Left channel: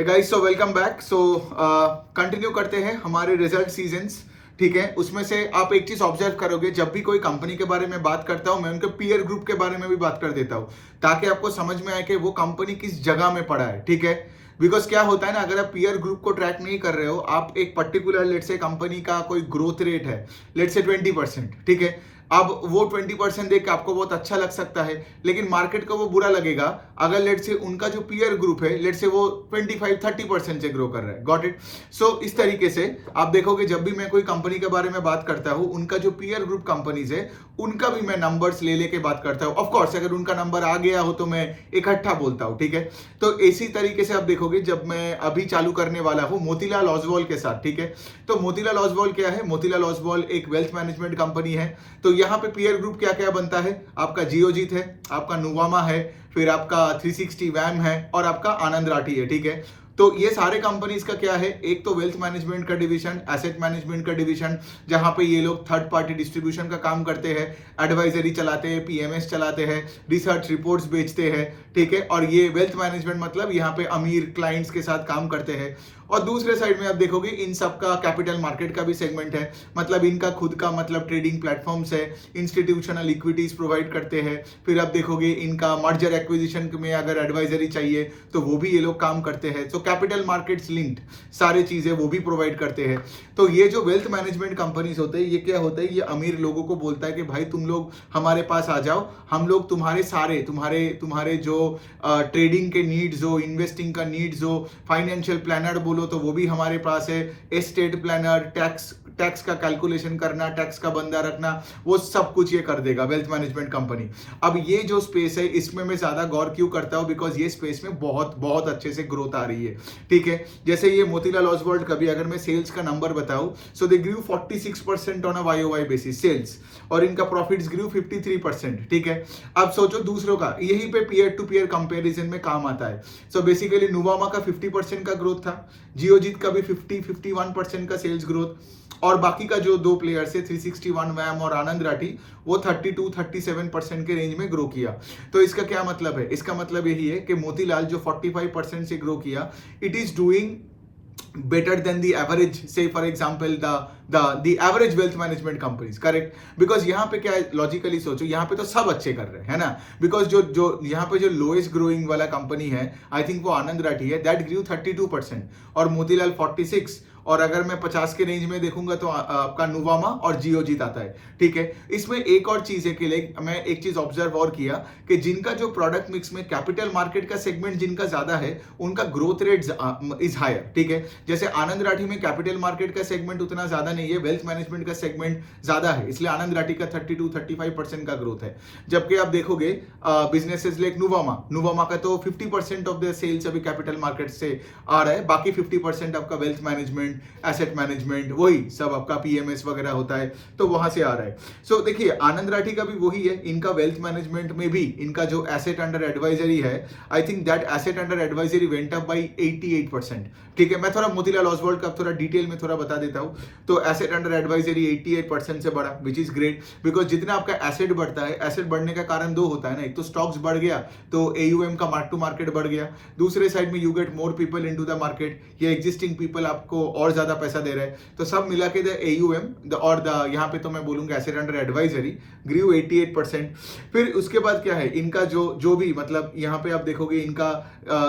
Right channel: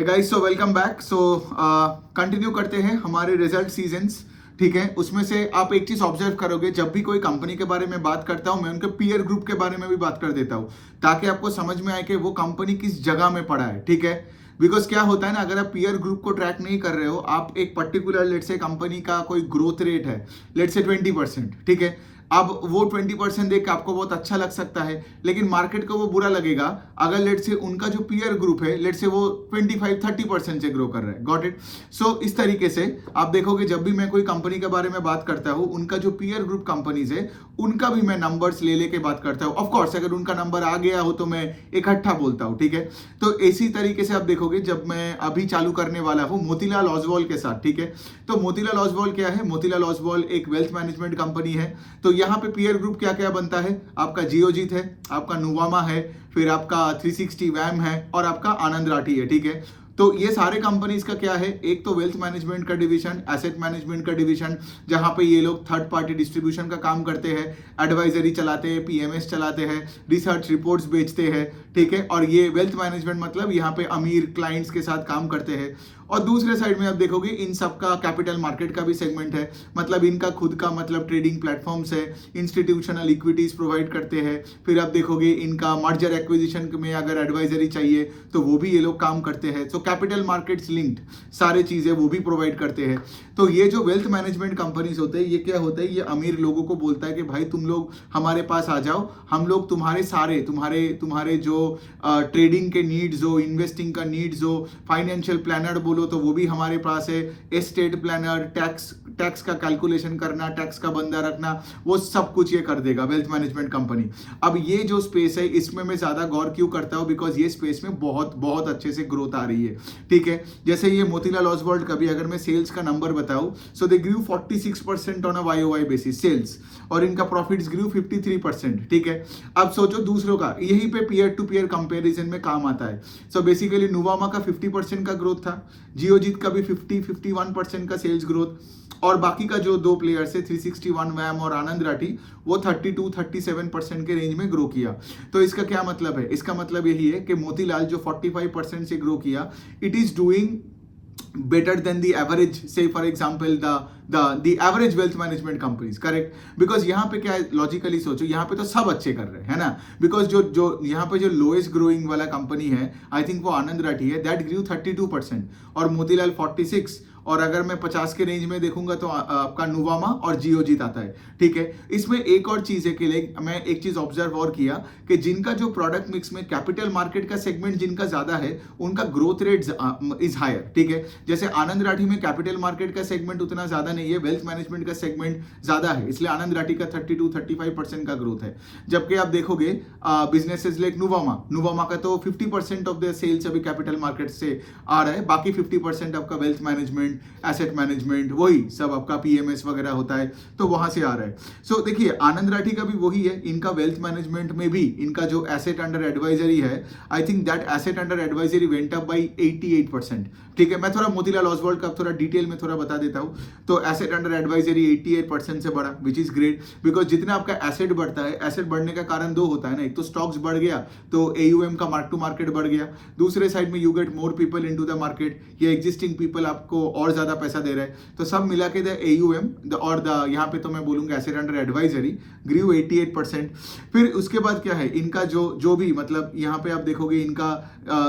Guys, so welcome back. So continue करते हैं हमारे रिजल्ट सीजन्स। ठीक है, उसमें से आप एक चीज ऑब्जर्व करोगे, जब भी कोई कंपनी के बारे में बात करता हूं मैं उनके पीयर ग्रुप के बारे में भी बात कर देता हूं, ताकि आपको समझ में आए कि वो कंपनी किस जगह में पड़ा है। ठीक है, बिकॉज क्या होता है ना, अगर आप पीयर ग्रुप को ट्रैक नहीं कर रहे हो, आप एक पर्टिकुलर लेट से कंपनी का कोई ग्रोथ रेट है लेट से 20%। ठीक है, अब वो 20% देख के आपको बहुत अच्छा लग सकता है, लेकिन मार्केट को वो बुरा लगेगा अगर लेट से उनका जो पीयर ग्रुप है लेट से वो 25-30% से ग्रो कर रहा है। Got it? सो इस तरीके से आप देखोगे, जब भी मैं कोई कंपनी के बारे में बात करता हूं, उनका जो पीयर ग्रुप कंपनीज है उनका भी मैं नंबर्स ले लेके बात करता हूं। ऑफकोर्स अगर उनका नंबर आ गया हो तो मैं इकट्ठा बोलता हूं। ठीक है, तो इसी तरीके से आप देखोगे, जब मैं अभी चालू करने वाला हूं मोतीलाल ओसवाल के साथ। ठीक है, तो मोतीलाल ओसवाल क्या है? मोतीलाल ओसवाल एक वेल्थ मैनेजमेंट कंपनी है। तो यहाँ पे पीयर ग्रुप क्या क्या बनता है? आपका जियोजीत है, आपका नुवामा है, फिर आपका 360 वैम है और आपका आनंद राठी है। ठीक है, तो ये सारे कंपनीज का क्या है, एक तो वेल्थ मैनेजमेंट का डिवीजन, एसेट मैनेजमेंट का डिवीजन, जहां पे ये लोग थर्ड पार्टी डिस्ट्रीब्यूशन का काम करते हैं, एडवाइजरी चलाते हैं, पीएमएस चलाते हैं, रिसर्च रिपोर्ट्स बेचते हैं। ठीक है, और ये वेल्थ मैनेजमेंट मतलब यहाँ पे अमीर क्लाइंट्स के साथ काम करते हैं। और दूसरे साइड में आप देखोगे इन सबका कैपिटल मार्केट का भी सेगमेंट है, मतलब इनका खुद का मतलब ट्रेडिंग प्लेटफॉर्म्स है, इंस्टीट्यूशनल इक्विटीज प्रोवाइड करते हैं। फिर आप देखोगे इनका मर्जर एक्विजिशन में अगर एडवाइजरी चाहिए तो वो भी ये लोग काम करते हैं। तो कैपिटल मार्केट्स लिंक्ड सारी चीजें वो भी प्रोवाइड करते हैं। तो ये जो वेल्थ मैनेजमेंट कंपनीज होते हैं, ये क्या होता है, ये अमीर लोगों को बोलता है कि भाई तुम लोग हमारे पास आ जाओ, हम लोग तुम्हारे सारे तुम्हारे जो ट्रेडिंग के नीड्स हो, इन्वेस्टिंग का नीड्स हो, फाइनेंशियल प्लानर बोलो तो वो भी हमारे पास है, एस्टेट प्लानर, टैक्स का कैलकुलेशन करना, टैक्स का बंदा रखना, वो सब कुछ ये कर देगा वेल्थ मैनेजमेंट कंपनी। अब ये जो स्पेस है इसमें मैं ज्यादा गौर क्यों करता हूं, बिकॉज ये स्पेस में बहुत बहुत अच्छे से ग्रोथ आ रही है। ठीक है, जैसे ये मोतीलाल ओसवाल का भी अगर मैं सेल्स का नंबर बताऊं, सो दे ग्रू 46% ऑन अ वाईओवाई बेसिस सेल्स, और इनका प्रॉफिट्स ग्रू 53%। ठीक है, अब सोचो दूसरों का, यहीं पे पीयर टू पीयर कंपैरिजन में काम आता है। सो बेसिकली नुवामा का 50% का ग्रोथ था, जियोजीत का भी 50-51% का सेल्स ग्रोथ, और बाकी का जो दो प्लेयर्स है 361 वैम और आनंद राठी, वो 32-37% के रेंज में ग्रो किया। तो इसका क्या मतलब है? इसका मतलब यही है कि मोतीलाल जो 45% से ग्रो किया, it is doing better than the average, say for example the average wealth management companies, correct? because यहाँ पे क्या है, लॉजिकली सोचो, यहाँ पे तो सब अच्छे कर रहे हैं, है ना? बिकॉज जो यहाँ पे जो लोएस्ट ग्रोइंग वाला कंपनी है, आई थिंक वो आनंद राठी है, दैट ग्रू 32%, और मोतीलाल 46, और अगर मैं 50 के रेंज में देखूंगा तो आपका नुवामा और जियोजीत आता है। ठीक है, इसमें एक और चीज है कि मैं एक चीज ऑब्जर्व और किया कि जिनका जो प्रोडक्ट मिक्स में कैपिटल मार्केट का सेगमेंट जिनका ज्यादा है, उनका ग्रोथ रेट इज हायर। ठीक है, जैसे आनंद राठी में कैपिटल मार्केट का सेगमेंट उतना ज्यादा नहीं है, वेल्थ मैनेजमेंट का सेगमेंट ज्यादा है, इसलिए आनंद राठी का 32-35% का ग्रोथ है। जबकि आप देखोगे बिजनेसेस लाइक नुवामा का तो 50% ऑफ द सेल्स अभी कैपिटल मार्केट से आ रहा है, बाकी 50% आपका वेल्थ मैनेजमेंट, एसेट मैनेजमेंट, वही सब आपका पीएमएस वगैरह होता है, तो वहां से आ रहा है। सो देखिए, आनंद राठी का भी वही है, इनका वेल्थ मैनेजमेंट में भी इनका जो एसेट अंडर एडवाइजरी है, I think that asset under advisory went up by 88%। ठीक है, मैं थोड़ा मोतीलाल ओसवाल का थोड़ा डिटेल में थोड़ा बता देता हूं। तो एसेट अंडर एडवाइजरी 88% से बढ़ा, विच इज ग्रेट, बिकॉज जितना आपका एसेट बढ़ता है, एसेट बढ़ने का कारण दो होता है ना, एक तो स्टॉक्स बढ़ गया तो एयूएम का मार्क टू मार्केट बढ़ गया, दूसरे साइड में you get more people into the market, ये एग्जिस्टिंग पीपल आपको और ज्यादा पैसा दे रहे हैं, तो सब मिला के द एयूएम और द यहाँ पे तो मैं बोलूंगा एसेट अंडर एडवाइजरी ग्रू 88%। फिर उसके बाद क्या है, इनका जो भी मतलब यहाँ पे आप देखोगे, इनका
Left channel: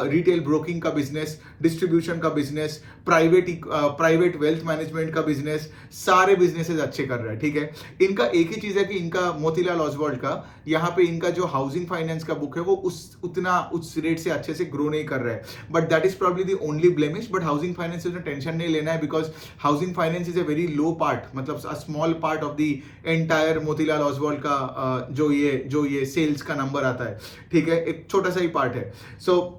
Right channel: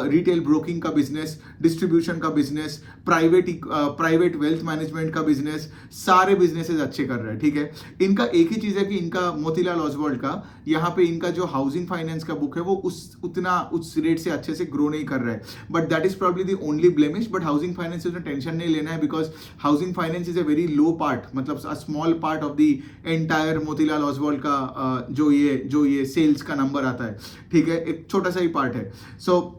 रिटेल ब्रोकिंग का बिजनेस, डिस्ट्रीब्यूशन का बिजनेस, प्राइवेट वेल्थ मैनेजमेंट का बिजनेस, सारे बिजनेसेस अच्छे कर रहा है। ठीक है, इनका एक ही चीज है कि इनका मोतीलाल ओसवाल का यहाँ पे इनका जो हाउसिंग फाइनेंस का बुक है वो उस रेट से अच्छे से ग्रो नहीं कर रहा है, but that is probably the only blemish. But housing finance में टेंशन नहीं लेना है, because housing finance is a very low part, मतलब a small part of the entire Motilal Oswal का जो ये सेल्स का नंबर आता है। ठीक है, एक छोटा सा ही पार्ट है। सो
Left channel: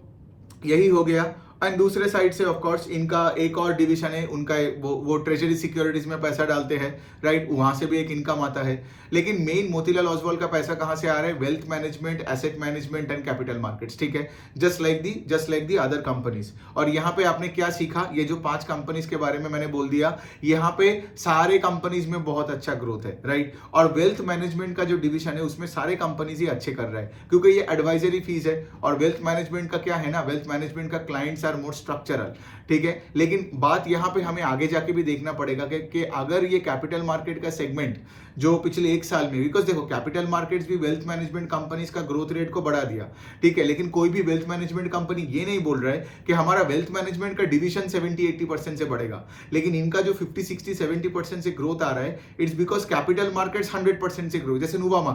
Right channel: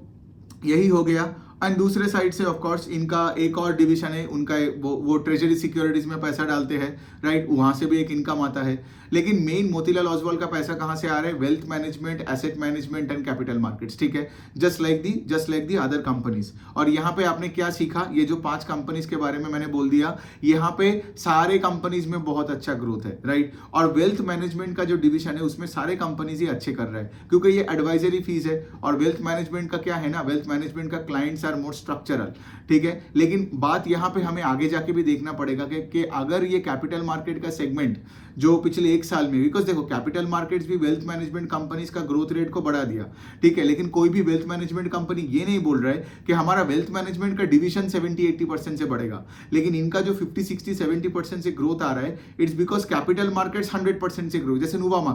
यही हो गया। एंड दूसरे साइड से ऑफ कोर्स इनका एक और डिवीजन है, उनका वो ट्रेजरी सिक्योरिटीज में पैसा डालते हैं, राइट? वहां से भी एक इनकम आता है। लेकिन मेन मोतीलाल ओसवाल का पैसा कहां से आ रहा है? Wealth management, asset management and capital markets. ठीक है, just like the other companies. और यहाँ पे आपने क्या सीखा, ये जो 5 कंपनीज के बारे में मैंने बोल दिया, यहाँ पे सारे कंपनीज में बहुत अच्छा ग्रोथ है, राइट? और वेल्थ मैनेजमेंट का जो डिवीजन है उसमें सारे कंपनीज ही अच्छे कर रहे हैं, क्योंकि ये एडवाइजरी फीस है। और वेल्थ मैनेजमेंट का क्या है ना, वेल्थ मैनेजमेंट का clients are are more structural, ठीक है। लेकिन बात यहाँ पे हमें आगे जाके भी देखना पड़ेगा कि अगर ये कैपिटल मार्केट का सेगमेंट जो पिछले एक साल में, बिकॉज देखो कैपिटल मार्केट्स भी वेल्थ मैनेजमेंट कंपनीज का ग्रोथ रेट को बढ़ा दिया, ठीक है, लेकिन कोई भी वेल्थ मैनेजमेंट कंपनी ये नहीं बोल रहा है कि हमारा वेल्थ मैनेजमेंट का डिवीजन 70-80% से बढ़ेगा, लेकिन इनका जो 50-60-70% से ग्रोथ आ रहा है, इट्स बिकॉज कैपिटल मार्केट्स 100% से ग्रो। जैसे नुवामा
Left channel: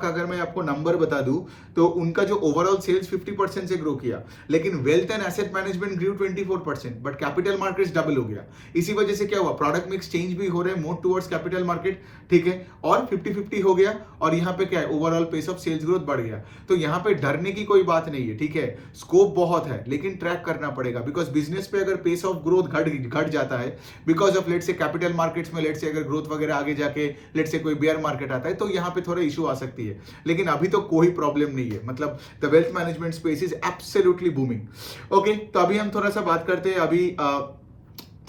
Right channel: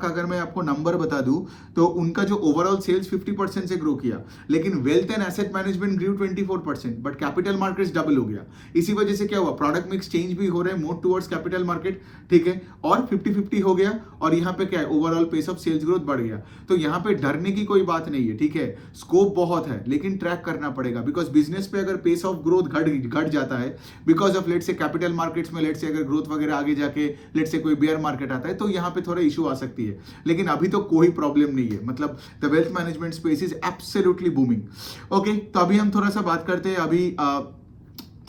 का अगर मैं आपको नंबर बता दूं तो उनका जो ओवरऑल सेल्स 50% से ग्रो किया, लेकिन wealth and asset management grew 24%, but capital markets double हो गया। इसी वजह से क्या हुआ, प्रोडक्ट मिक्स चेंज भी हो रहे हैं मोर टुवर्ड्स कैपिटल मार्केट, ठीक है, और 50-50 हो गया, और यहाँ पे क्या है, overall pace of sales growth बढ़ गया। तो यहाँ पे डरने की कोई बात नहीं है, ठीक है, स्कोप बहुत है, लेकिन ट्रैक करना पड़ेगा, बिकॉज बिजनेस पे अगर पेस ऑफ ग्रोथ घट जाता है बिकॉज ऑफ लेट से कैपिटल मार्केट्स में लेट से अगर ग्रोथ वगैरह आगे जाके लेट से कोई बेयर मार्केट आता है, तो यहाँ पे थोड़ा इशू आ सकती है, लेकिन अभी तो कोई प्रॉब्लम नहीं है। मतलब the wealth management space is absolutely booming. Okay, तो अभी हम थोड़ा सा बात करते हैं, अभी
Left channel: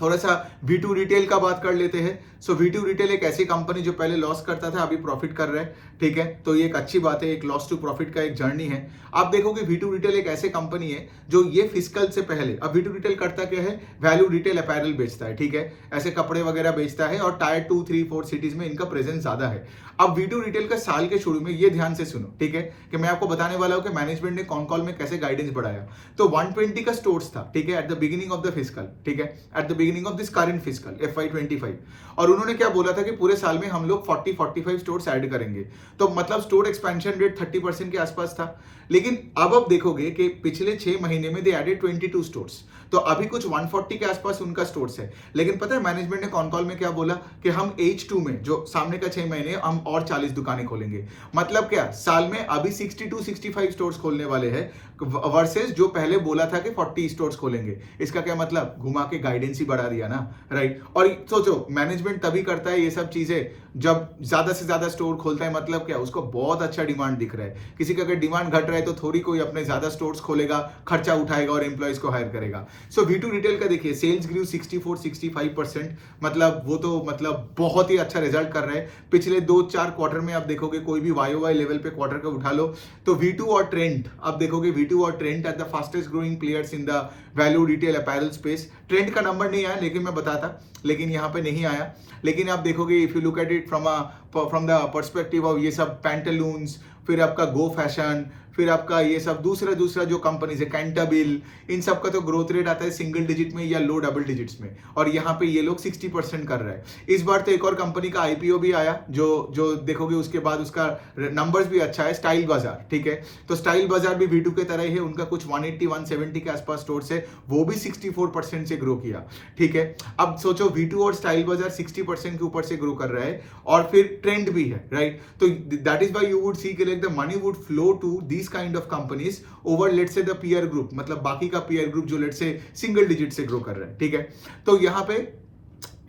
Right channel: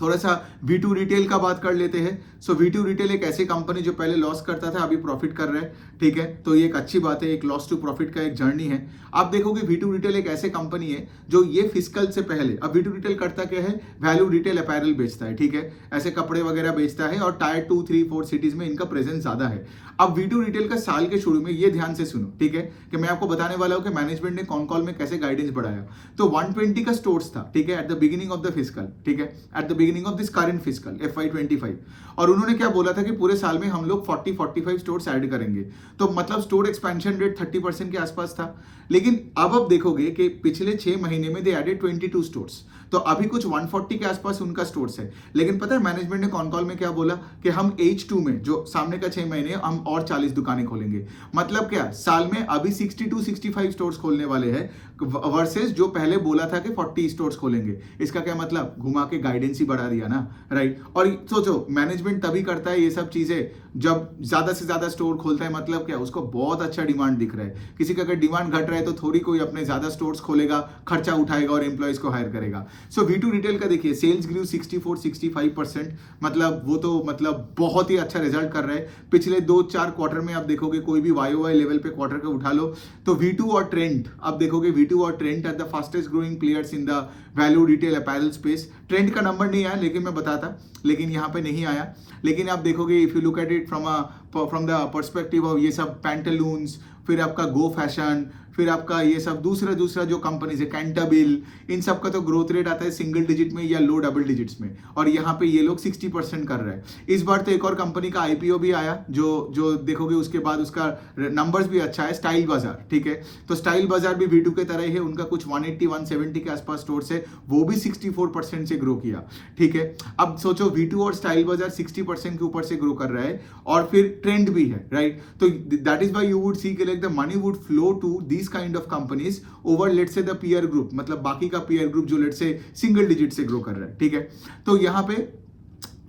थोड़ा सा V2 रिटेल का बात कर लेते हैं। सो V2 रिटेल एक ऐसी कंपनी जो पहले लॉस करता था, अभी प्रॉफिट कर रहा है, ठीक है, तो ये एक अच्छी बात है, एक लॉस टू प्रॉफिट का एक जर्नी है। आप देखोगे V2 रिटेल एक ऐसे कंपनी है जो ये फिस्कल से पहले, अब V2 रिटेल करता क्या है, वैल्यू रिटेल अपैरल बेचता है, ठीक है, ऐसे कपड़े वगैरह बेचता है, और टायर 2, 3, 4 सिटीज में इनका प्रेजेंस ज्यादा है। अब V2 रिटेल का साल के शुरू में ये ध्यान से सुनो, ठीक है, कि मैं आपको बताने वाला हूं कि मैनेजमेंट ने कॉन कॉल में कैसे गाइडेंस बढ़ाया। तो 120 का स्टोर्स था, ठीक है, at the beginning of the fiscal, ठीक है, at the beginning of this current fiscal FY25, और उन्होंने क्या बोला था कि पूरे साल में हम लोग 40-45 स्टोर्स ऐड करेंगे, तो मतलब स्टोर एक्सपेंशन रेट 30% के आसपास था। लेकिन अब देखोगे कि पिछले 6 महीने में दे एडेड 22 स्टोर्स, तो अभी कुछ 140 के आसपास उनका स्टोर्स है। लेकिन पता है मैनेजमेंट ने कॉन कॉल में क्या बोला कि हम H2 में जो सामने का 6 महीने हम और 40 दुकानें खोलेंगे। मतलब क्या, साल में अभी 62-65 स्टोर्स खोलने वाले हैं, वर्सेस जो पहले बोला था कि 40 स्टोर्स खोलेंगे। इसका क्या मतलब, घुमा के गाइडेंस ही बढ़ा दिया ना, राइट। और सोचो मैनेजमेंट तभी करता है ये सब चीजें जब ज्यादा से ज्यादा स्टोर खोलता है, मतलब क्या, उसको बहुत अच्छा डिमांड दिख रहा है। किसी का अगर डिमांड घट रहा है तो थोड़ी कोई अपने ज्यादा स्टोर्स खोलेगा, खर्चा उठाएगा और एम्प्लॉइज को हायर करेगा। सो V2 रिटेल का देखिए सेल्स ग्रू 64-65%, मतलब वो तो मतलब बहुत ही अच्छा रिजल्ट कर रहे हैं। पिछले 2-4 क्वार्टर में आप देखोगे, कोई भी YOY लेवल पे क्वार्टर का उठा लो तो V2 और ट्रेंड, अब देखोगे V2 और Trent are the fastest growing players in the value retail apparel space. Trent का नंबर नहीं आया, लेकिन मैं बताता, लेकिन यहाँ पे नहीं आया। लेकिन आप देखोगे if you look at it from the perspective of ये सब पैंटालून्स, फिर आपका गो फैशन, फिर आपका ये सब दूसरा जो कंपनीज है, कैंटाबिल, इन सब का तो ग्रोथ रेट आता है सिंगल डिजिट में या लो डबल डिजिट्स में, और यहाँ पे ये लोग 60% कर रहे हैं। इस बार तो एक और कंपनी का IPO भी आया, जो देखोगे उसके बाद उसका नंबर्स भी अच्छा है, स्टाइल बाजार, ठीक है। तो स्टाइल बाजार भी V2 के तरह ही है, उनका कुछ 180-170 के आसपास स्टोर्स है, वो भी 64% से ग्रो किया, ठीक है। अब सोचो V2 और स्टाइल बाजार 60% के ऊपर से ग्रो कर रहा है, और फिर ट्रेंड भी है, राइट। तो that is why you would see कि like the money would flow to this kind of companies over let's say the peer group, मतलब बाकी का पीयर ग्रुप जो लेट्स से सिंगल डिजिट से ग्रो कर रहा है, ठीक है। तो यहाँ पे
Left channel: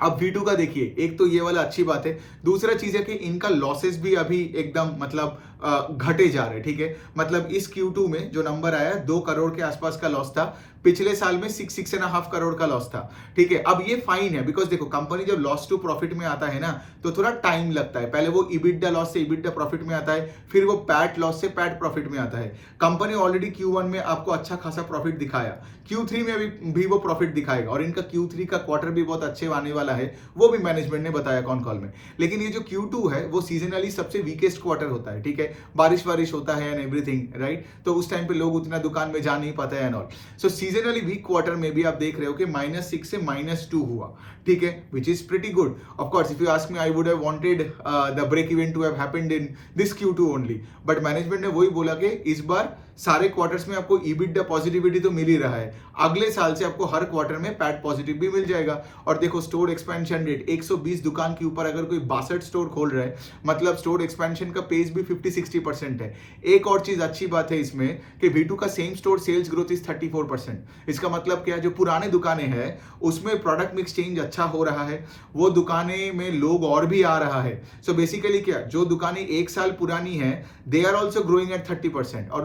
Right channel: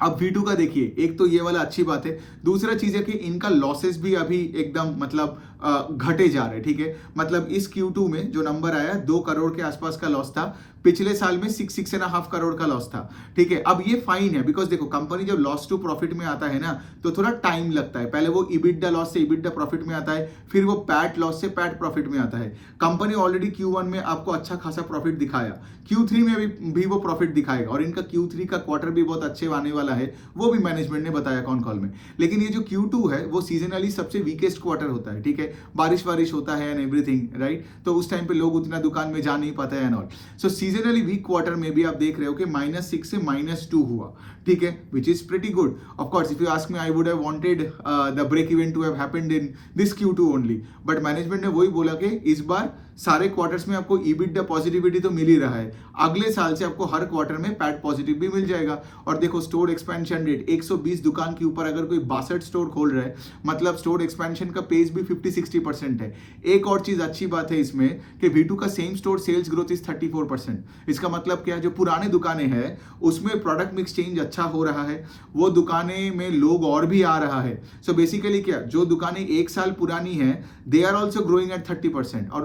अब V2 का देखिए, एक तो ये वाला अच्छी बात है, दूसरा चीज है कि इनका लॉसेस भी अभी एकदम मतलब घटे जा रहे हैं, ठीक है। मतलब इस Q2 में जो नंबर आया 2 करोड़ के आसपास का लॉस था, पिछले साल में 6.5 करोड़ का लॉस था, ठीक है। अब ये फाइन है, बिकॉज देखो कंपनी जब लॉस टू प्रॉफिट में आता है ना, तो थोड़ा टाइम लगता है। पहले वो EBITDA लॉस से EBITDA प्रॉफिट में आता है, फिर वो पैट लॉस से पैट प्रॉफिट में आता है। कंपनी ऑलरेडी Q1 में आपको अच्छा खासा प्रॉफिट दिखाया, Q3 में भी वो प्रॉफिट दिखाएगा, और इनका Q3 का क्वार्टर भी बहुत अच्छे आने वाला है, वो भी मैनेजमेंट ने बताया कॉन कॉल में। लेकिन ये जो Q2 है वो सीजनली सबसे वीकेस्ट क्वार्टर होता है, ठीक है, बारिश होता है एंड एवरीथिंग, राइट। तो उस टाइम पे लोग उतना दुकान में जा नहीं पाते हैं and all. So seasonally weak quarter में भी आप देख रहे हो कि -6 से -2 हुआ, ठीक है, which is pretty good. Of course if you ask me, I would have wanted the break even to have happened in this Q2 only, but management ने वही बोला कि इस बार सारे क्वार्टर्स में आपको EBITDA पॉजिटिविटी तो मिल ही रहा है, अगले साल से आपको हर क्वार्टर में पैट पॉजिटिव भी मिल जाएगा। और देखो स्टोर एक्सपेंशन रेट 120 दुकान के ऊपर अगर कोई 62 स्टोर खोल रहा है, मतलब स्टोर एक्सपेंशन का पेस भी 50-60% है। एक और चीज अच्छी बात है इसमें कि V2 का same store sales growth is 34%। इसका मतलब क्या, जो पुराने दुकानें हैं उसमें प्रोडक्ट मिक्स चेंज अच्छा हो रहा है, वो दुकानें में लोग और भी आ रहा है। सो बेसिकली क्या, जो दुकानें 1 साल पुरानी है they are also growing at 30%, और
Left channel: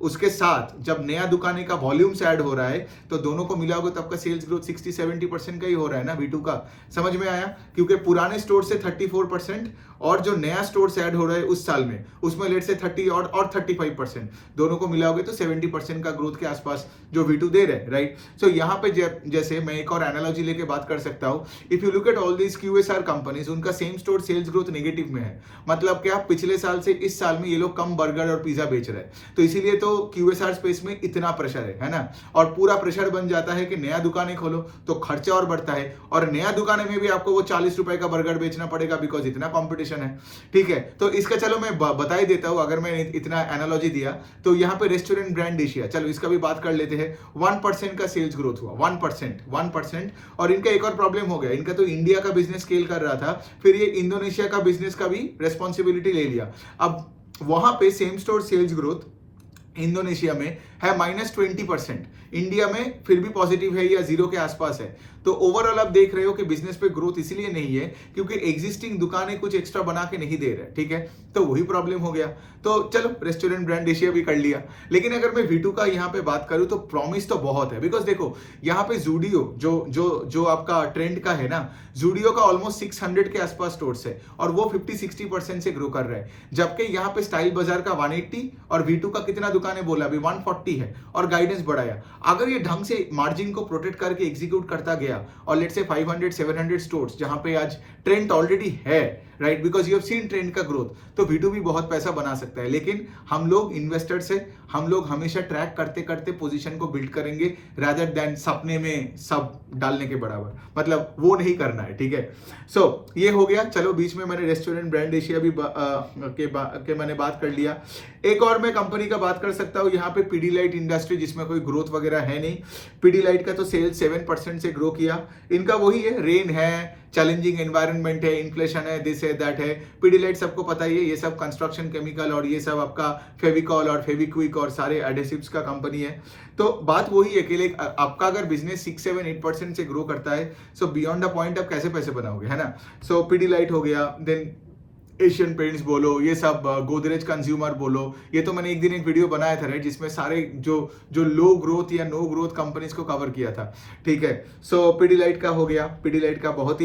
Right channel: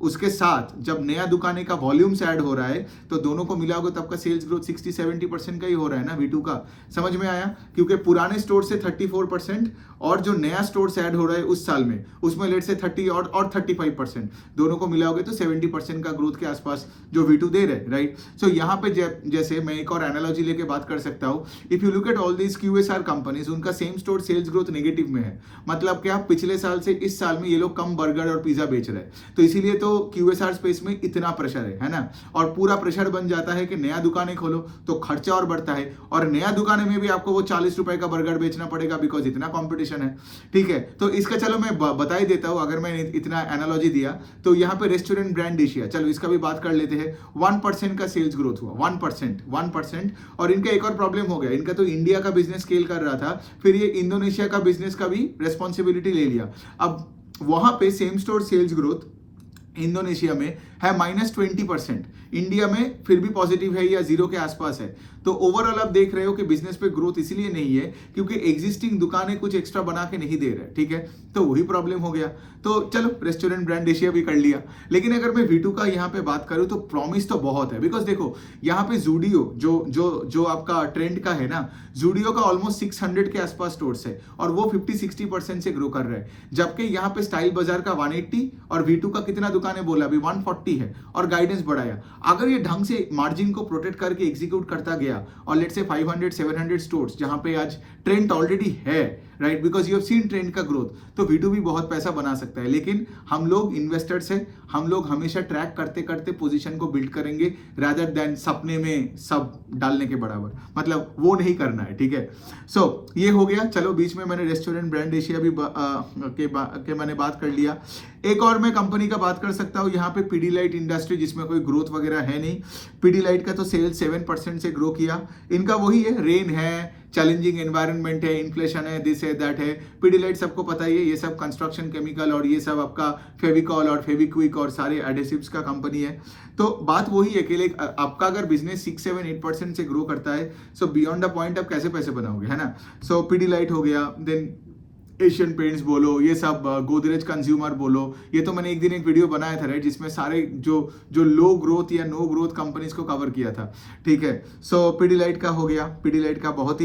उसके साथ जब नया दुकानें का वॉल्यूम्स ऐड हो रहा है तो दोनों को मिला होगा तब का सेल्स ग्रोथ 60-70% का ही हो रहा है ना V2 का। समझ में आया, क्योंकि पुराने स्टोर से 34% और जो नया स्टोर्स ऐड हो रहा है उस साल में, उसमें लेट से 30 और 35%, दोनों को मिलाओगे तो 70% का ग्रोथ के आसपास जो V2 दे रहे हैं, राइट। सो यहाँ पे जैसे मैं एक और एनालॉजी लेके बात कर सकता हूँ, if you look at all these QSR companies, उनका same store sales growth negative में है। मतलब क्या, पिछले साल से इस साल में ये लोग कम बर्गर और पिज्जा बेच रहे हैं, तो इसीलिए तो QSR स्पेस में इतना प्रेशर है ना। और पूरा प्रेशर बन जाता है कि नया दुकानें खोलो तो खर्चा और बढ़ता है, और नया दुकान में भी आपको वो 40 रुपए का बर्गर बेचना पड़ेगा बिकॉज इतना कंपटीशन है, ठीक है। तो इसका चलो मैं बता ही देता हूं, अगर मैंने इतना एनालॉजी दिया तो यहाँ पे रेस्टोरेंट ब्रांड एशिया, चलो इसका भी बात कर लेते हैं। 1% का सेल्स ग्रोथ हुआ, 1%। और इनका एक और प्रॉब्लम हो गया, इनका तो इंडिया का बिजनेस स्केल कर रहा था, फिर ये इंडोनेशिया का बिजनेस का भी रेस्पॉन्सिबिलिटी ले लिया। अब वहां पे same store sales growth Indonesia में है -20%, इंडिया में फिर भी पॉजिटिव है या जीरो के आसपास है। तो ओवरऑल आप देख रहे हो कि बिजनेस पे ग्रोथ इसलिए नहीं है क्योंकि एग्जिस्टिंग दुकानें कुछ एक्स्ट्रा बना के नहीं दे रहे, ठीक है। तो वही प्रॉब्लम हो गया। तो चलो रेस्टोरेंट ब्रांड एशिया भी कर लिया। लेकिन अगर मैं V2 का यहाँ पे बात करूँ तो प्रॉमिस तो बहुत है, बिकॉज देखो यहाँ पे जूडियो जो आपका ट्रेंड का है ना, जूडियो का ऑलमोस्ट 600 के आसपास स्टोर्स है और वो 50-60% से ग्रो कर रहा है, जबकि यहाँ पे स्टाइल बाजार का 180 और V2 का कितना दुकानें बोला अभी 140 है और गाइडेंस बढ़ाया। अगर ये ढंग से मार्जिन को प्रोटेक्ट करके एग्जीक्यूट करता गया और लेट्स से 500-700 स्टोर्स जहां पे आज ट्रेंड ऑलरेडी है, right, because you have seen trend का ग्रोथ, तो V2 भी बहुत पैसा बना सकता है। लेकिन हम लोग इन्वेस्टर्स है, हम लोग हमेशा ट्रैक करते करते पोजीशन को बिल्ड करेंगे रादर देन सपने में सब डालने के बराबर, मतलब वो नहीं करना है, ठीक है। सो ये हो गया। चलो बीच में मैंने रेस्टोरेंट ब्रांड एशिया भी के मैंने बात कर लिया। एक और मैं कंपनी का बात कर सकता हूँ यहाँ पे, पीडीलाइट इंडस्ट्री, जिसमें कोई ग्रोथ वगैरह है नहीं। पीडीलाइट का तो सेल्स 7% से ग्रो किया। इनका वही है, रेन है, चैलेंजिंग एनवायरनमेंट है, इन्फ्लेशन है, दिस है दैट है। पीडीलाइट सबको पता ही है, ये सब कंस्ट्रक्शन केमिकल और ये सब आपका फेविकॉल और फेविक्विक और सारे एडेसिव्स का कंपनी है। तो बात वही है कि आपका अगर बिजनेस 6-7-8% से ग्रो करता है, सो बियॉन्ड द पॉइंट आप कैसे पैसे बनाओगे, है ना। सो पीडीलाइट हो गया, देन एशियन पेंट्स बोलो, ये सब गोदरेज कंज्यूमर बोलो, ये तो मैंने एक दिन एक वीडियो बनाया था, राइट, जिसमें सारे जो लो ग्रोथ या नो ग्रोथ कंपनीज को कवर किया था, ठीक है। सो पीडीलाइट का हो गया, पीडीलाइट का बहुत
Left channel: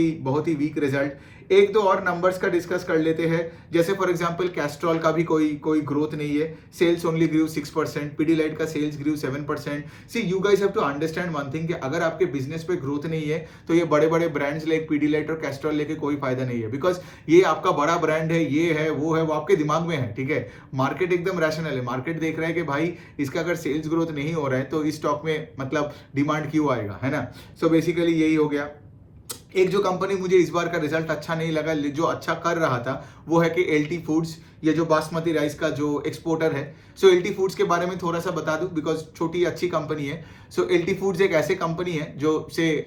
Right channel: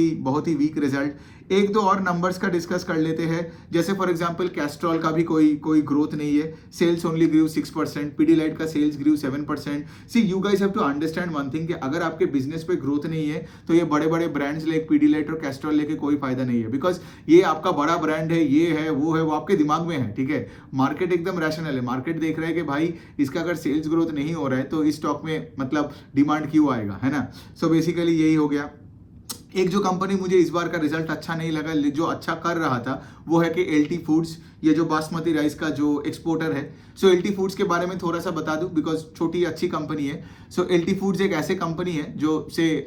ही वीक रिजल्ट। एक दो और नंबर्स का डिस्कस कर लेते हैं, जैसे फॉर एग्जांपल कैस्ट्रॉल का भी कोई ग्रोथ नहीं है, सेल्स ओनली ग्रू 6%, पीडीलाइट का sales grew 7%। See you guys have to understand one thing कि अगर आपके बिजनेस पे ग्रोथ नहीं है तो ये बड़े बड़े ब्रांड्स लाइक पीडीलाइट और कैस्ट्रॉल लेके कोई फायदा नहीं है, बिकॉज ये आपका बड़ा ब्रांड है, ये है वो आपके दिमाग में है, ठीक है। मार्केट एकदम रैशनल है, मार्केट देख रहा है कि भाई इसका अगर सेल्स ग्रोथ नहीं हो रहा है तो इस स्टॉक में मतलब डिमांड क्यों आएगा, है ना। सो बेसिकली यही हो गया। एक जो कंपनी मुझे इस बार का रिजल्ट अच्छा नहीं लगा, जो अच्छा कर रहा था, वो है कि LT फूड्स, ये जो बासमती राइस का जो एक्सपोर्टर है। सो LT फूड्स के बारे में थोड़ा सा बता दूं, बिकॉज छोटी अच्छी कंपनी है। सो LT फूड्स एक ऐसे कंपनी है जो से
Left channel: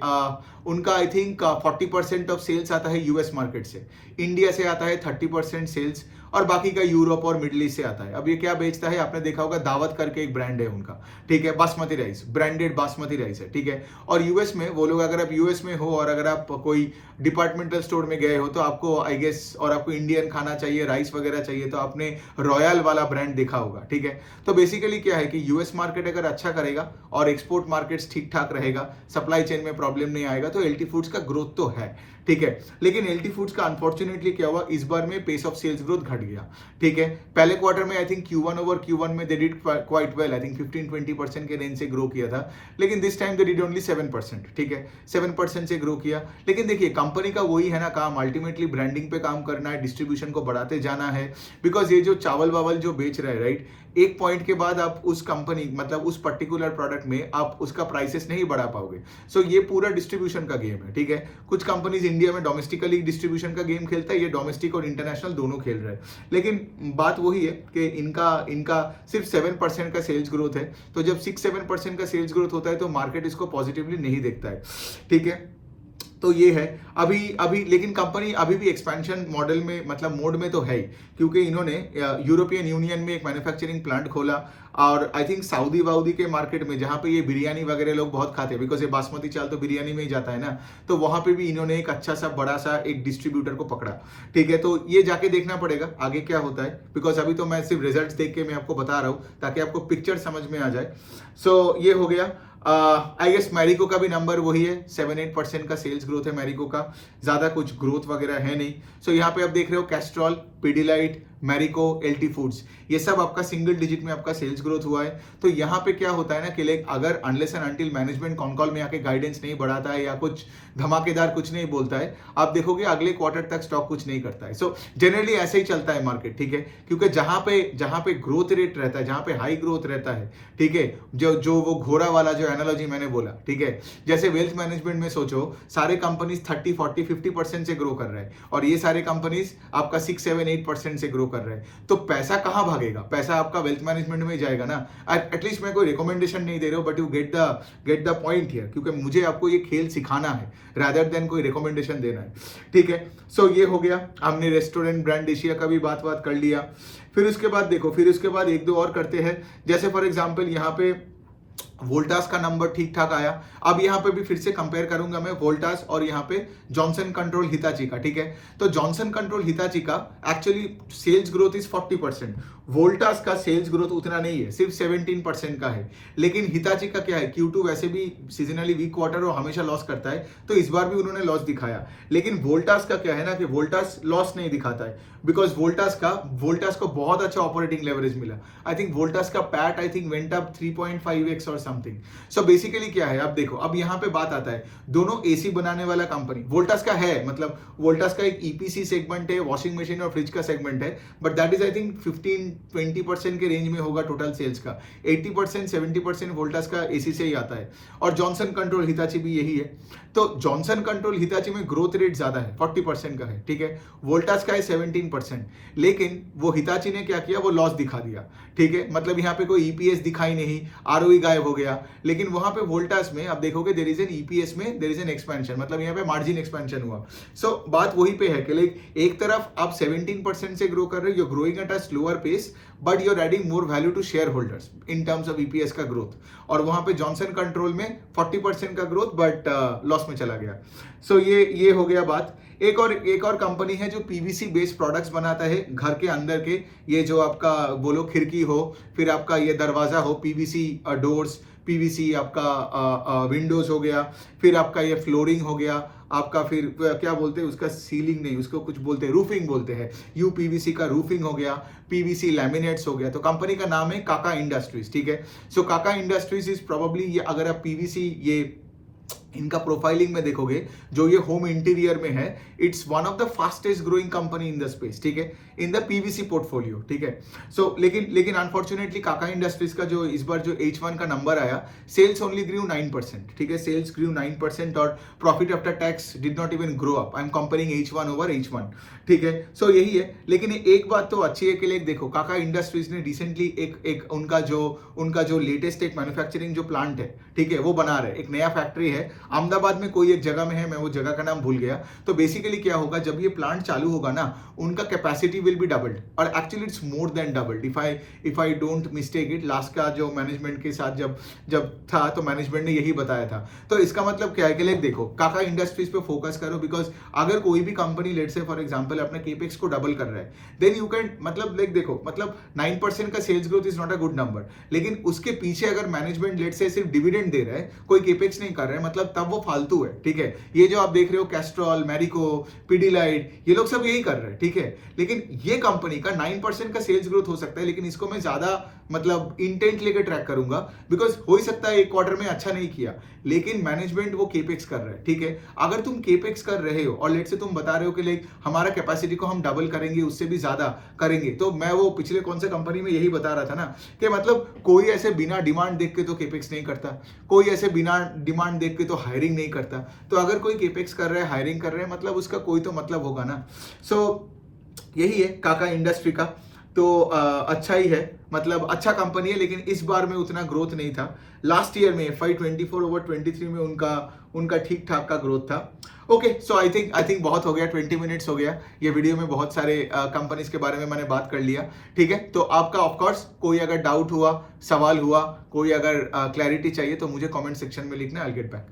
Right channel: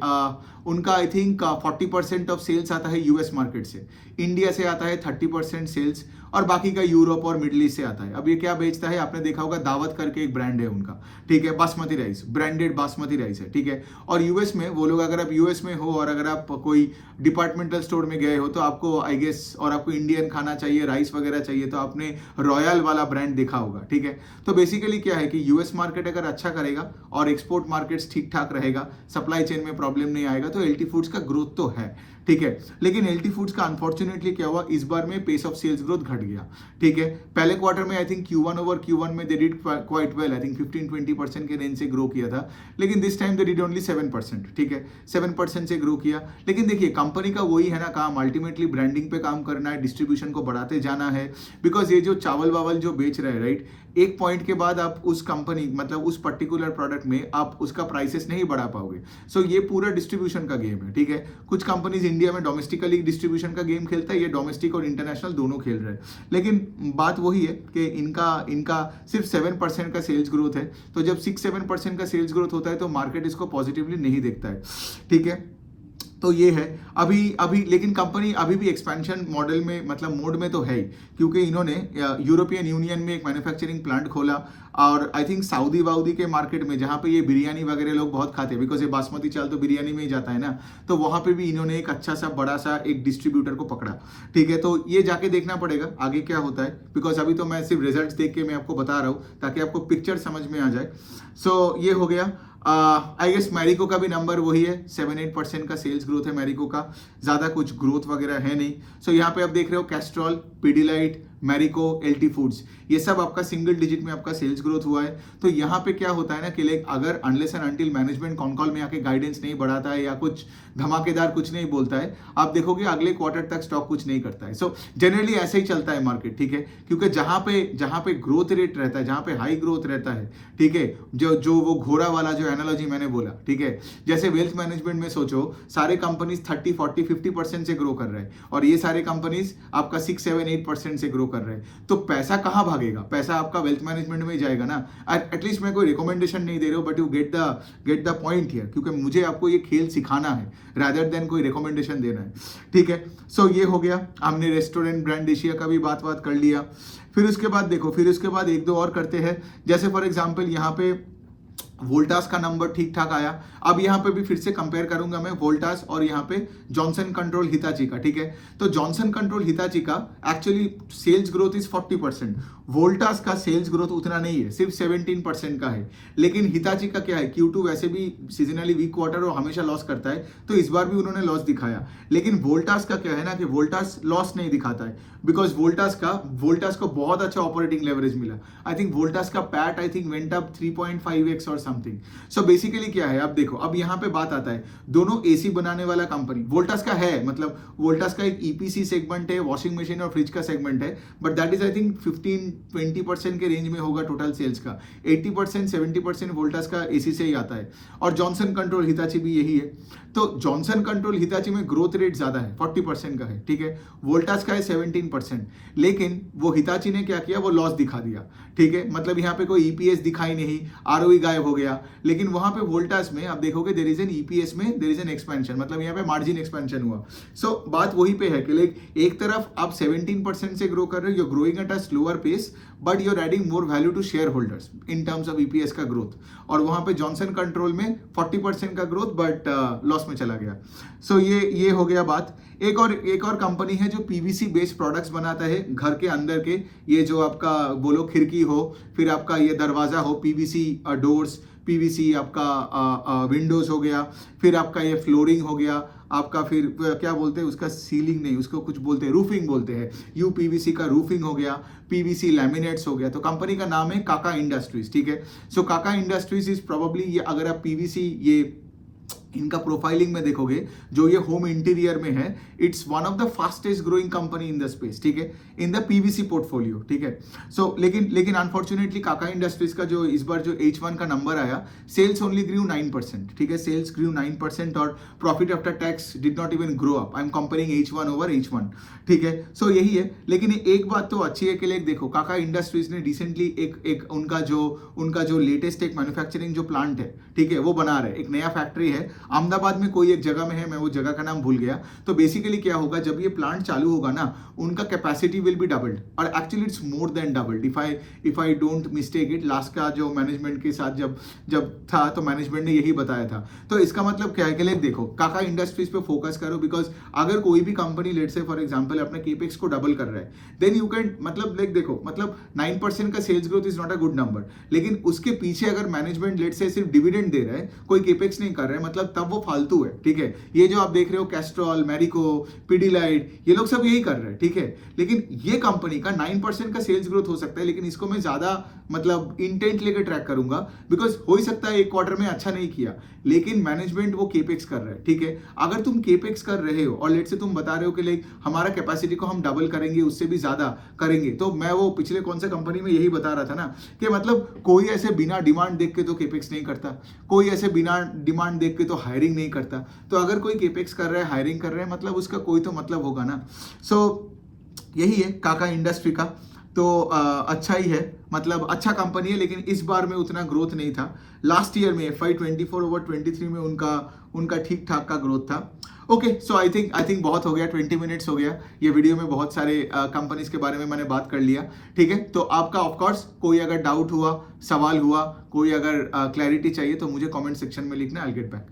उनका आई थिंक 40% ऑफ सेल्स आता है US मार्केट से, इंडिया से आता है 30% सेल्स, और बाकी का यूरोप और मिडिल ईस्ट से आता है। अब ये क्या बेचता है, आपने देखा होगा, दावत करके एक ब्रांड है उनका, ठीक है, basmati rice, branded basmati rice है, ठीक है। और US में वो लोग, अगर आप US में हो और अगर आप कोई डिपार्टमेंटल स्टोर में गए हो तो आपको आई गेस, और आपको इंडियन खाना चाहिए, राइस वगैरह चाहिए, तो आपने रॉयल वाला ब्रांड देखा होगा, ठीक है। तो बेसिकली क्या है कि US मार्केट अगर अच्छा करेगा और एक्सपोर्ट मार्केट्स ठीक ठाक रहेगा, सप्लाई चेन में प्रॉब्लम नहीं आएगा, तो LT फूड्स का ग्रोथ तो है, ठीक है। लेकिन LT फूड्स का अनफॉर्चुनेटली क्या हुआ, इस बार में पेस ऑफ सेल्स ग्रोथ घट गया, ठीक है। पहले क्वार्टर में I think Q1 over Q1 में they did quite well, I think 15-20% के रेंज से ग्रो किया था, लेकिन this time they did only 7%, ठीक है, 7% से ग्रो किया। लेकिन देखिए कंपनी का वही है ना काम, अल्टीमेटली ब्रांडिंग पे काम करना है, डिस्ट्रीब्यूशन को बढ़ाते जाना है, बिकॉज ये जो चावल वावल जो बेच रहा है, राइट, एक पॉइंट के बाद आप उस कंपनी मतलब उस पर्टिकुलर प्रोडक्ट में आप उसका प्राइसेस नहीं बढ़ा पाओगे। सो ये पूरा डिस्ट्रीब्यूशन का गेम है, ठीक है। कुछ कंपनीज इंडिया में डोमेस्टिकली डिस्ट्रीब्यूशन का गेम खेलता है, ये डोमेस्टिक और इंटरनेशनल दोनों खेल रहे हैं, लेकिन बात वही है कि इनका सिर्फ 7% का सेल्स ग्रोथ है। तो जब 6-7% का सेल्स ग्रोथ होता है तो मार्केट इसको पॉजिटिवली नहीं देखता है, ठीक है। तो ये है अभी लेकिन कंपनी अभी भी एक्सपेंशन मॉडल में मतलब मोड में तो है ही, क्योंकि इन्होंने यूरोपियन यूनियन में एक मैन्युफैक्चरिंग प्लांट खोला, और आई थिंक सऊदी वाउदी के मार्केट में जहां पे ये बिरयानी वगैरह लोग बहुत खाते हैं, बिकॉज ये बासमती चावल तो बिरयानी में ही जाता है ना, तो वहां पे भी इन्होंने एक अच्छा सा बड़ा सा एक डिस्ट्रीब्यूटर को पकड़ा, ठीक है। तो ये जाके देखना पड़ेगा आगे क्या होता है, बिकॉज अभी तो मैं सिर्फ रिजल्ट देख के मैं आपको बता रहा हूँ ताकि आपको पिक्चर समझ में आ जाए। सो ये हो गया। आई गेस मैरिको का भी नंबर वही है, 7-8% का सेल्स ग्रोथ है मैरिको का, ज्यादा कुछ ग्रोथ वगैरह है नहीं। सो यहाँ पे आप देख रहे हो Castrol, Pidilite, Marico, LT foods, ये सब आपका सिंगल डिजिट में आपका सेल्स ग्रोथ हुआ है। तो यहाँ पे क्या होता है ना कि लाइक अगर unless and until management con call में आके गाइडेंस नहीं बढ़ाता है या कुछ धमाकेदार कुछ नहीं बोलता है, आप देखोगे अगले क्वार्टर तक स्टॉक कुछ नहीं करता है। सो जनरली ऐसे ही चलता है मार्केट, ठीक है, क्योंकि जहां पे ग्रोथ रेट रहता है, जहां पे हाई ग्रोथ रहता है, ठीक है, जो वो घोड़ा वाला जो एनालॉजी मैंने बोला, ठीक है, जैसे वेल्थ मैनेजमेंट में सोचो सारे कंपनीज 30, 40, 50% से ग्रो कर रहे हैं और ये सारे कंपनीज आपका 6, 7, 8% से ग्रो कर रहे हैं, तो पैसा कहां भागेगा? पैसा आपका वेल्थ मैनेजमेंट में जाएगा ना। एटलीस्ट मैं कोई रिकमेंडेशन नहीं दे रहा हूं, but you get the point here, क्योंकि मुझे आपको ये खेल सिखाना है रादर देन कोई रिकमेंडेशन देना है, ठीक है। सो ये हो गया, हमने रेस्टोरेंट ब्रांड एशिया का भी बात कर लिया। फिर उसके बाद देखो, फिर उसके बाद एक दो और करते हैं, जैसे फॉर एग्जांपल यहाँ पे वोल्टास का नंबर ठीक ठाक आया। अब यहाँ पे भी फिर से कंपेयर करूंगा मैं वोल्टास और यहाँ पे जॉनसन कंट्रोल हिताची का, ठीक है। तो जॉनसन कंट्रोल हिताची का actually sales growth is 40%, Voltas का सेल्स ग्रोथ उतना नहीं है, सिर्फ 17% का है। लेकिन हिताची का क्या है, Q2 वैसे भी सीजनली वीक क्वार्टर और हमेशा लॉस करता है, तो इस बार भी उन्होंने लॉस दिखाया। लेकिन वोल्टास का क्या है ना कि वोल्टास लॉस नहीं दिखाता है, बिकॉज वोल्टास को बहुत अच्छा ऑपरेटिंग लेवरेज मिला। आई थिंक वोल्टास का PAT I think went up 3.5x और समथिंग। सो बेसिकली क्या है, अब देखो, अब यहाँ पे बात आता है, दोनों एसी बनाने वाला कंपनी वोल्टास का है, मतलब वोल्टास का एक ईपीसी सेगमेंट है, वॉशिंग मशीन और फ्रिज का सेगमेंट है, but that is I think 15-20% के रेंज में होगा टोटल सेल्स का। 80% 70% वोल्टास का एसी से ही आता है, और जॉनसन कंट्रोल हिताची भी यही है। तो जॉनसन कंट्रोल हिताची में ग्रोथ रेट ज्यादा है, 40% का है, ठीक है। वोल्टास का है 17%, लेकिन वो हिताची ने क्या किया, वो लॉस दिखा दिया, ठीक है। मतलब यहाँ पे कोई ईपीएस दिखाई नहीं, आरओई गायब हो गया। लेकिन वहां पे वोल्टास में आप देखोगे देयर इज एन ईपीएस में देयर इज एन एक्सपेंशन, मतलब यहाँ पे मार्जिन एक्सपेंशन हुआ। सो बात वही पे है कि लाइक एक तरफ आप 17% से ग्रो कर रहे हो, you growing at a slower pace, but you are adding more value to share holders in terms of EPS का ग्रोथ। और वहां पे जॉनसन कंट्रोल में 40% का ग्रोथ, बट लॉस में चला गया। सो ये हो गया बात। एक और कंपनी है जो पीवीसी बेस्ड प्रोडक्ट्स बनाता है घर के अंदर के, ये जो आपका बोलो खिड़की हो, फिर आपका ये दरवाजा हो, पीवीसी डोर्स, पीवीसी आपका विंडोज हो गया, फिर आपका ये फ्लोरिंग हो गया, आपका फिर क्या बोलते हैं उसका, सीलिंग नहीं, उसको कुछ बोलते हैं, रूफिंग बोलते हैं, यूपीवीसी का रूफिंग हो गया, पीवीसी लैमिनेट्स हो गया। तो कंपनी का नाम है काका इंडस्ट्रीज, ठीक है। सो काका इंडस्ट्रीज इज प्रोबेबली, ये अगर आप पीवीसी ये इनका प्रोफाइलिंग में देखोगे, जो ये होम इंटीरियर में है, it's one of the fastest growing company in the space, ठीक है, इन द पीवीसी पोर्टफोलियो, ठीक है। सो लेकिन अनफॉर्चुनेटली काका इंडस्ट्रीज का जो इस बार जो H1 का नंबर आया, सेल्स ओनली ग्रू 9%, ठीक है, सेल्स ग्रू 9% और profit after tax did not even grow up. I am comparing H1 over H1, ठीक है। सो यही है। लेकिन एक बात तो अच्छी है कि लाइक देखो, काका इंडस्ट्रीज ने रिसेंटली एक उनका जो लेटेस्ट एक मैन्युफैक्चरिंग जो प्लांट है, ठीक है, वो बना रहे, एक नया फैक्ट्री है अहमदाबाद में, कोई एक जगह में है, मैं वो जगह का नाम भूल गया। तो बेसिकली क्या होगा, जब ये प्लांट चालू होगा ना, उनका कैपेसिटी विल बी डबल्ड, और actually it's more than doubled if I don't mistake it. Last का जो मैनेजमेंट के साथ जब था, तो मैनेजमेंट ने यही बताया था। तो इसका मतलब क्या है कि लाइक देखो, काका इंडस्ट्रीज पे फोकस करो, बिकॉज अगर कोई भी company let's say for example अपने केपेक्स को डबल कर रहा है, देन यू कैन, मतलब लाइक देखो, मतलब 9% का sales growth is not a good number, लेकिन उसके पीछे अगर मैनेजमेंट लेट से सिर्फ डिविडेंड दे रहा है, कोई केपेक्स नहीं कर रहा है, मतलब तब वो फालतू है, ठीक है। ये जो आप देख रहे हो कैस्ट्रॉल, मैरिको, पिडिलाइट, ये लोग सब यही कर रहे हैं, ठीक है। लेकिन ये कंपनी का 9% का सेल्स ग्रोथ हो सकता है, लेकिन इसको मैं ज्यादा मतलब इंटेंट लेकर ट्रैक करूंगा, बिकॉज हो ही सकता है एक क्वार्टर में अच्छा नहीं किया, लेकिन मैनेजमेंट वो केपेक्स कर रहा है, ठीक है। अगर तुम केपेक्स कर रहे हो और लेट से तुम बता रहे हो कि लाइक हमारा कैपेसिटी को हम डबल करेंगे, उससे भी ज्यादा करेंगे, तो मैं वो पिछले कौन से कंपनी में यही बता रहा था ना कि मतलब कोई ऐसे बिना डिमांड देख के तो केपेक्स नहीं करता, कोई ऐसे बिना डिमांड देख के तो हायरिंग नहीं करता। तो अगर कोई केपेक्स कर रहा है, हायरिंग कर रहा है, मतलब उसका कोई तो मतलब होगा ना। सो यही है काका इंडस्ट्री का। तो अच्छा ही है, मतलब अच्छा कंपनी है, लेकिन इस बार में उतना ग्रोथ नहीं था। लास्ट ईयर में FY24 ओवर 23 में उनका ठीक ठाक का ग्रोथ था। ओके, सो आई थिंक बहुत हो गया, 20 मिनट्स हो गया। ये वीडियो में बहुत सारे कंपनीज के बारे में मैंने बात कर लिया, ठीक है। तो आपका ऑफकोर्स कोई अगर डाउट हुआ, सवाल हुआ, कोई अगर क्लैरिटी चाहिए, तो मुझे कमेंट सेक्शन में लिखना, आई विल गेट बैक।